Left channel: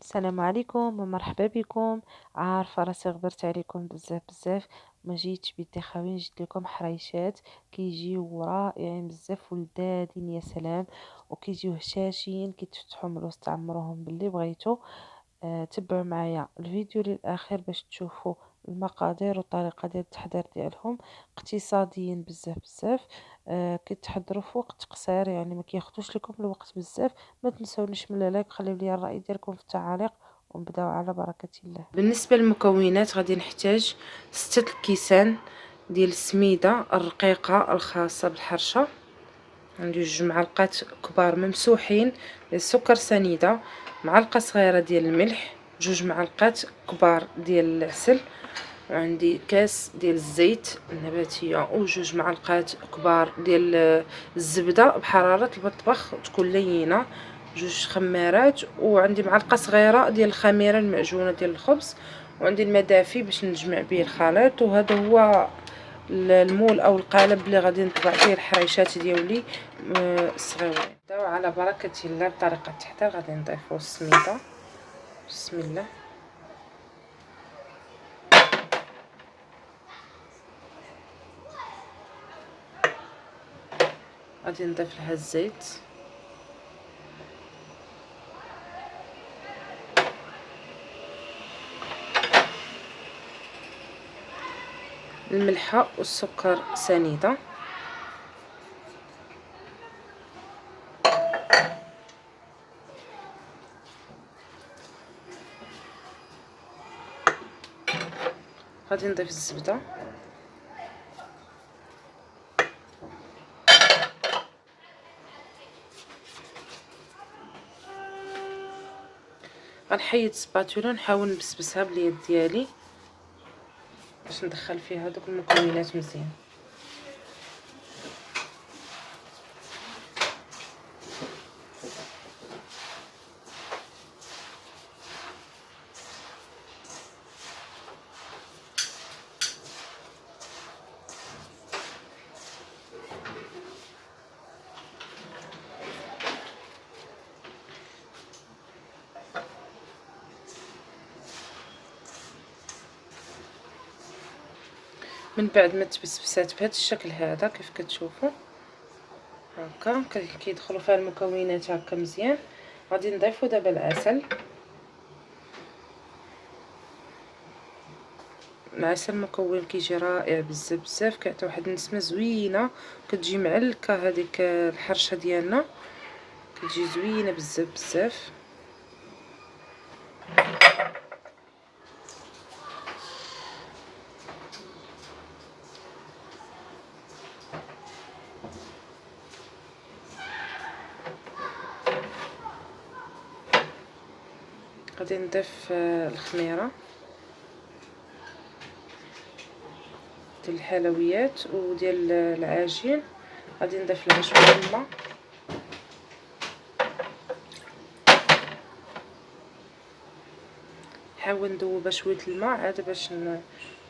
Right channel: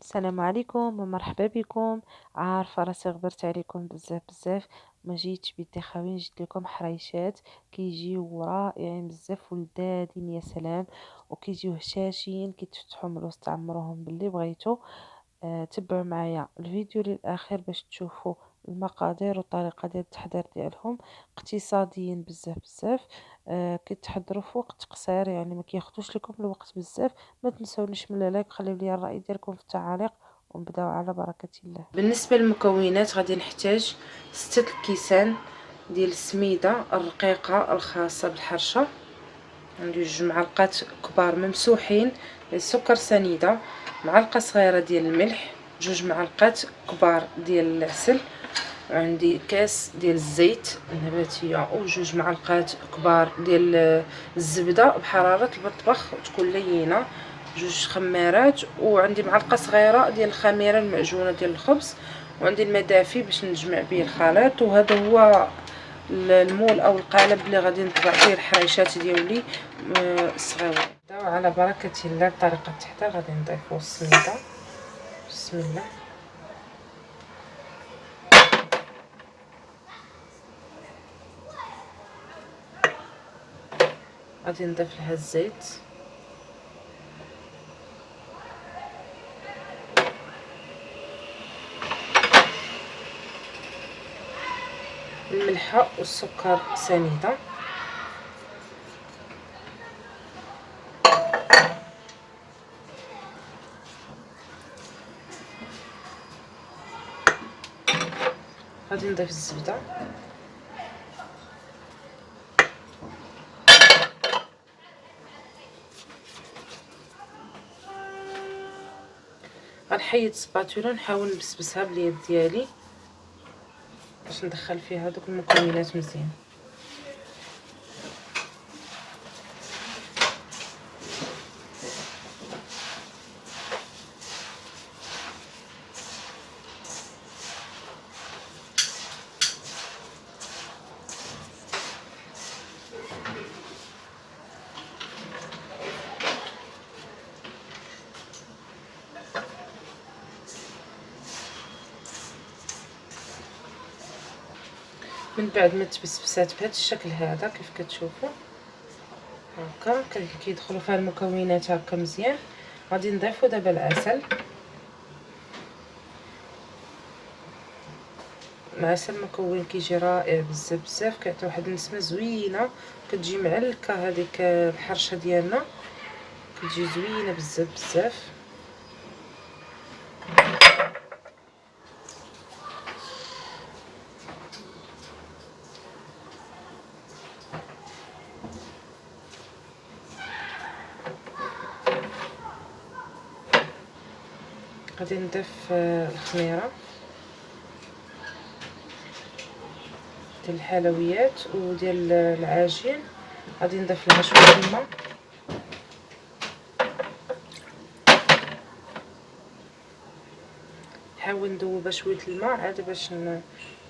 السلام عليكم ومرحبا بكم. عارفة راسي غبرت عليكم بزاف بزاف، ما جيتش بيدي خاوي جبت لكم حريشات كيجيو رائعين بزاف ولذاذين يا سلام، وكيجيو هشاشين كيتفتحوا من الوسط عمروهم باللي بغيتو. تبعوا معايا الفيديو للاخير باش تشوفوا المقادير والطريقه ديال التحضير ديالهم، اقتصاديين بزاف بزاف. كيتحضروا في وقت قصير، يعني ما كياخذوش لكم الوقت بزاف. ما تنسونيش من اللايك، خليو لي الراي ديالكم في التعاليق، ونبداو على بركه الله. بالنسبه للمكونات غادي نحتاج 6 كيسان ديال السميده الرقيقه الخاصه بالحرشه، عندي 2 معالق كبار ممسوحين السكر سنيده، معلقه صغيره ديال الملح، 2 معالق كبار ديال العسل، وعندي كاس ديال الزيت النباتيه، و2 معالق كبار ديال الزبده بحراره المطبخ تكون لينه، 2 خمارات، وعندي معلقه صغيره ديال الخميره المعجونه ديال الخبز، وعندي المدافي باش نجمع به الخليط. وهذا هو المول او القالب اللي غادي نطبع فيه الحريشات ديالي الصغيرين. نبداو على بركه الله بطريقه التحضير. غادي نضيفوا السميده، بسم الله. غادي نضيف لها الزيت، الملحه والسكر سنيده، غادي نضيف الزبده، غنحيد السباتولا نحاول نبسبسها باليد ديالي باش ندخل فيها دوك المكونات مزيان. من بعد ما تبسبسات بهذا الشكل هذا كيف كتشوفوا هكا كيدخلوا فيها المكونات هكا مزيان، غادي نضيفوا دابا العسل. العسل مكون كيجي رائع بزاف بزاف، كيعطي واحد النسمه زوينه، كتجي معلكه هذيك الحرشه ديالنا، كتجي زوينه بزاف بزاف. غادي نضيف الخميره ديال الحلويات وديال العجين، غادي نضيف لها شويه الماء، نحاول ندوبها شويه الماء عاد باش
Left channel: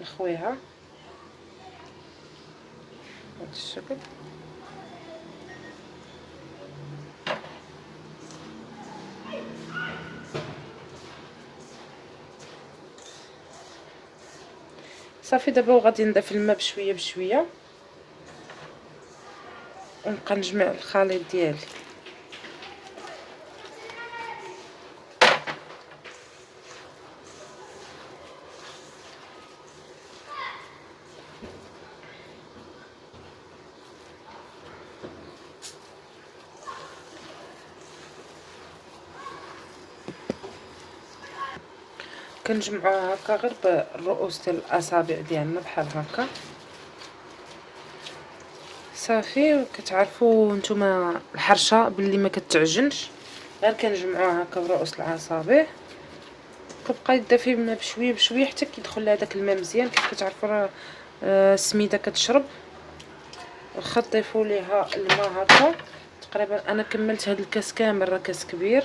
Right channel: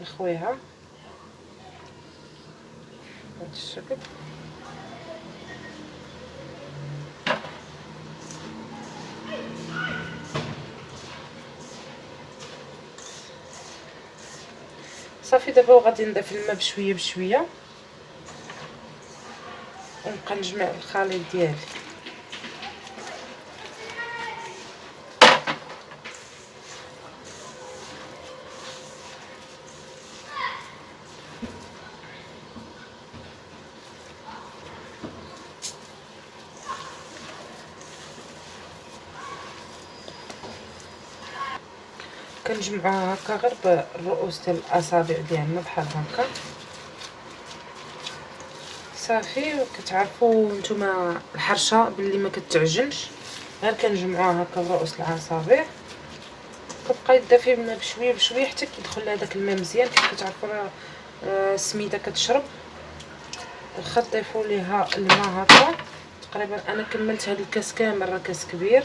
نخويها بهذا الشكل. صافي دابا وغادي نضيف الماء بشويه بشويه ونبقى نجمع الخليط ديالي. كنجمعوها هكا غير بالرؤوس ديال الاصابع ديالنا بحال هكا صافي. وكتعرفوا نتوما الحرشه باللي ما كتعجنش، غير كنجمعوها هكا برؤوس الاصابع، كتبقى يدا فيه الماء بشويه بشويه حتى كيدخل لها داك الماء مزيان. كيف كتعرفوا راه السميده كتشرب، واخا تضيفوا ليها الماء هكا تقريبا. انا كملت هذا الكاس كامل، راه كاس كبير،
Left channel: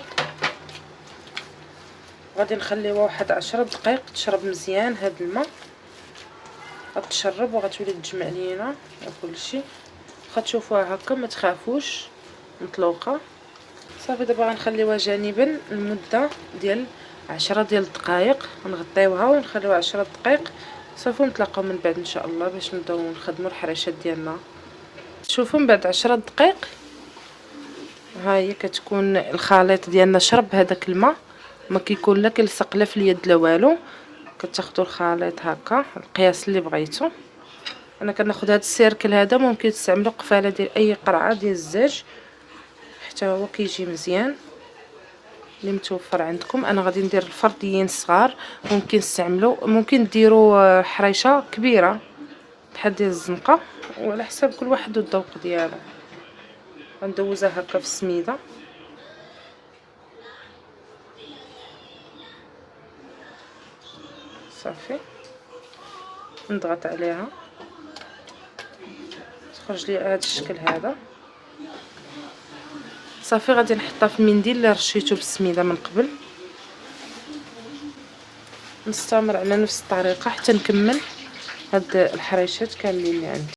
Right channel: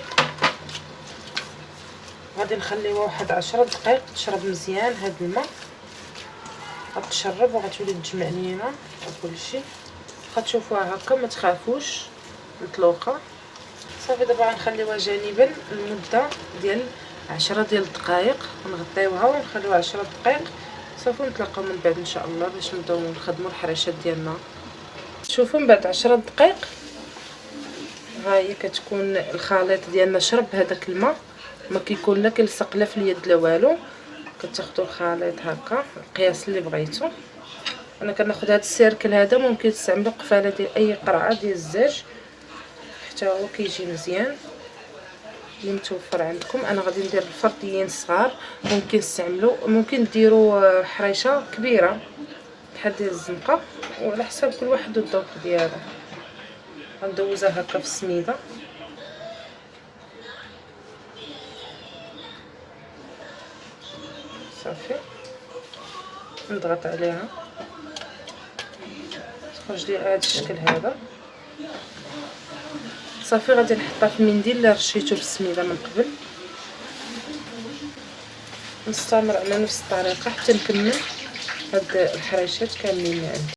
غادي نخليوها واحد 10 دقائق تشرب مزيان هذا الماء، غتشرب وغتولي تجمع لينا كلشي. غتشوفوها هكا ما تخافوش مطلوقه. صافي دابا غنخليوها جانبا المده ديال 10 ديال الدقائق، نغطيوها ونخليوها 10 دقائق صافي. نتلاقاو من بعد ان شاء الله باش نبداو نخدموا الحراشات ديالنا. شوفوا من بعد 10 دقائق ها هي كتكون الخليط ديالنا شرب هذاك الماء، ما كيكون لا كيلصق لا في اليد لا والو. كتاخذوا الخليط هكا القياس اللي بغيتو. انا كناخذ هذا السيركل هذا، ممكن تستعملوا قفاله ديال اي قرعه ديال الزاج حتى هو كيجي مزيان اللي متوفر عندكم. انا غادي ندير الفرديين صغار، ممكن تستعملوا ممكن ديروا حريشه كبيره بحال ديال الزنقه، وعلى حساب كل واحد والذوق ديالو. غندوزها هكا في السميده صافي، نضغط عليها تخرج لي هذا الشكل هذا صافي. غادي نحطها في المنديل اللي رشيته بالسميده من قبل. نستمر على نفس الطريقه حتى نكمل هاد الحريشات كاملين اللي عندي.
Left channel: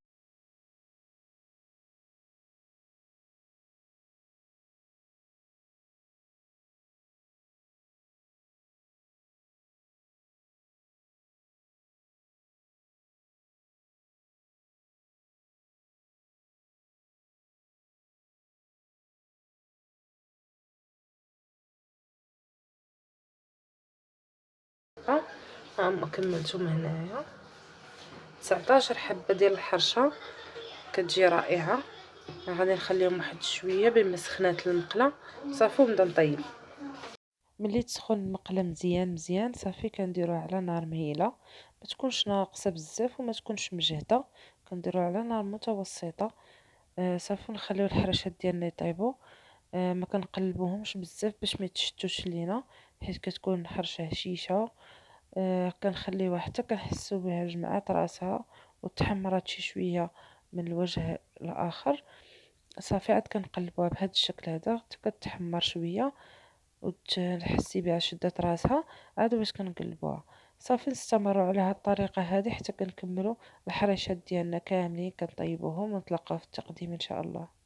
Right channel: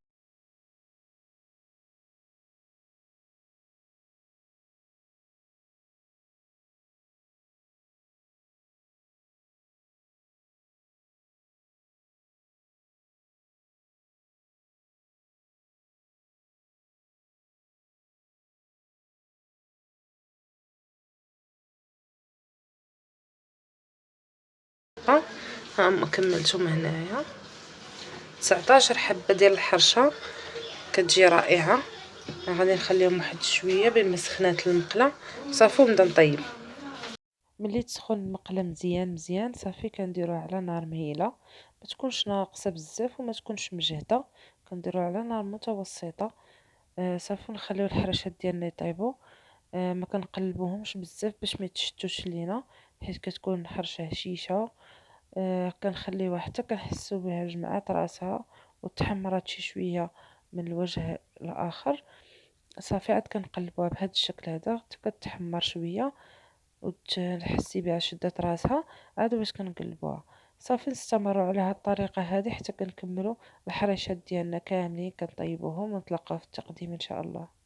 ها هما كملتهم هنايا 19 حبه ديال الحرشه، كتجي رائعه. غادي نخليهم واحد شويه بين ما سخنات المقله صافي ونبدا نطيب. ملي تسخن المقله مزيان مزيان صافي كنديروها على نار مهيله، ما تكونش ناقصه بزاف وما تكونش مجهده، كنديروها على نار متوسطه. صافي نخليو الحرشات ديالنا يطيبوا. ما كنقلبوهمش بزاف باش ما يتشتوش لينا، حيت كتكون الحرشه هشيشه. كنخليوها حتى كنحسو بها جمعات راسها وتحمرات شي شويه من الوجه الاخر. صافي عاد كنقلبوها بهذا الشكل هذا حتى كتحمر شويه وتحسي بها شدات راسها، عاد باش كنقلبوها. صافي نستمروا على هذه الطريقه هذه حتى كنكملوا الحرشات ديالنا كاملين كنطيبوهم ونتلاقاو في التقديم ان شاء الله.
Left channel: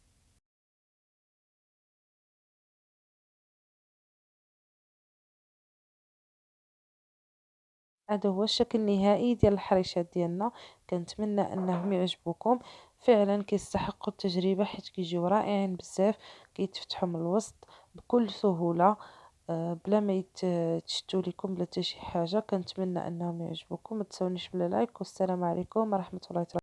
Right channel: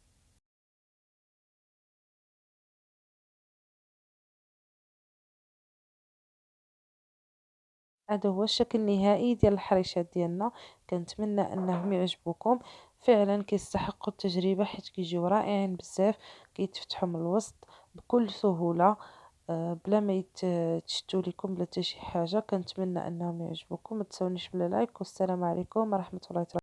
هذا هو الشكل النهائي ديال الحريشات ديالنا. كنتمنى انهم يعجبوكم، فعلا كيستحقوا التجربه حيت كيجيو رائعين بزاف، كيتفتحوا من الوسط بكل سهوله بلا ما يتشتوا لكم بلا حتى شي حاجه. كنتمنى انهم يعجبوكم، ما تنسونيش بلا لايك، والسلام عليكم ورحمه الله تعالى.